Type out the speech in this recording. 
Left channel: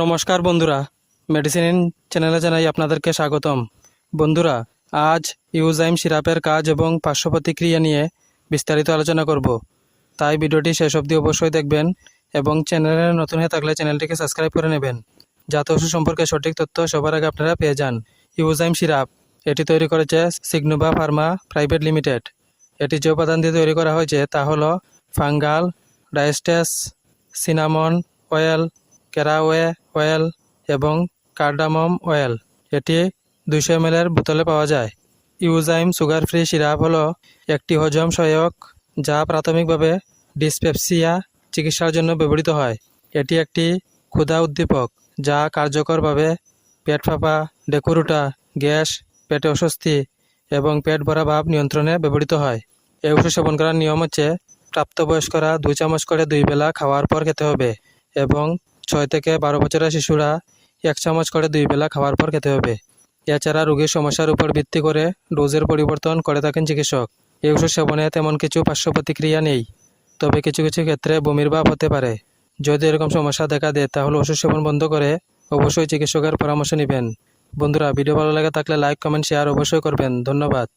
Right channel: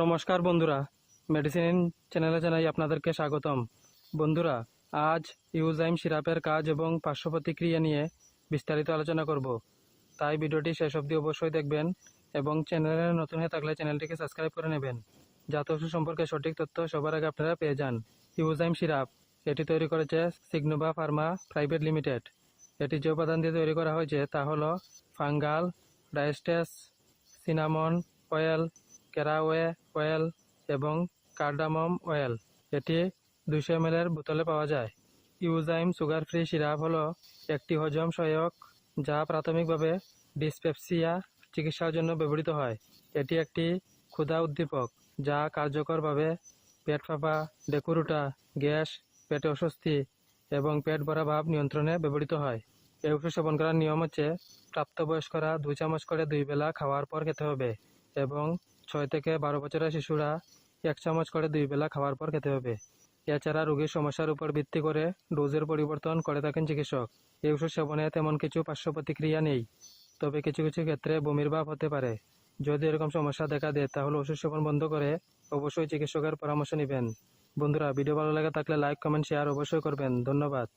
নমস্কার বন্ধুরা। মেডিসিন চ্যানেলে জানাই আপনাদেরকে স্বাগতম। বন্ধুরা, আজ ইউজাইম সিরাপের কাজ এবং পার্শ্ব প্রতিক্রিয়া নিয়ে বিস্তারিত আলোচনা করব। তাই ভিডিওটি শেষ অবধি অবশ্যই দেখবেন এবং চ্যানেলে নতুন হয়ে থাকলে চ্যানেলটিকে সাবস্ক্রাইব করে নেবেন। যাতে ওষুধ সম্পর্কে সঠিক তথ্য সবার আগে আপনারা পেয়ে যান। ইউজাইম সিরাপ, এটি তৈরি করেছে সিগনোভা ফার্মা প্রাইভেট লিমিটেড এটি যে উপাদান দিয়ে তৈরি করা হয়েছে তা হলো fungal, diastase, cinnamon, oil caraway oil এবং কার্ডামম অয়েল। এটি দুইশো এম এর বোতলে পাওয়া যায়। ইউজাইম সুগার ফ্রি সিরাপ হলো একটি হজম সহায়ক যা প্রাথমিকভাবে ডিসপেপসিয়া চিকিৎসার জন্য ব্যবহৃত হয়। এটি একটি ক্ষুধা উদ্দীপক যা কার্যকরভাবে পেট ফাঁপা, ডেকুরুটা, গ্যাস, পেটে অস্বস্তি এবং পেট ভরা ভাব নিয়ন্ত্রণে ব্যবহৃত হয়। এই ওষুধ সেবন করার নিয়ম হচ্ছে, প্রাপ্তবয়স্করা দুই চামচ করে দুই বেলা খাওয়ার পর খেতে হবে এবং ছয় থেকে বারো বছরের শিশুরা এক চামচ করে দুই বেলা খাওয়ার পর খেতে হবে। এছাড়া রোগীর সমস্যার উপর ভিত্তি করে ডোজের পরিবর্তন করে থাকেন চিকিৎসক। এই ওষুধ সেবনে তেমন কিছু পার্শ্ব প্রতিক্রিয়া নেই, তবে কিছু কিছু ক্ষেত্রে বমির ভাব হতে পারে। যদি এরকম সমস্যা দেখা দেয়, তাহলে ওষুধ সেবন বন্ধ করে অবশ্যই চিকিৎসকের পরামর্শ নেবেন। বন্ধুরা, ভিডিও ভালো লাগে থাকলে লাইক কমেন্ট শেয়ার অবশ্যই করবেন। ধন্যবাদ।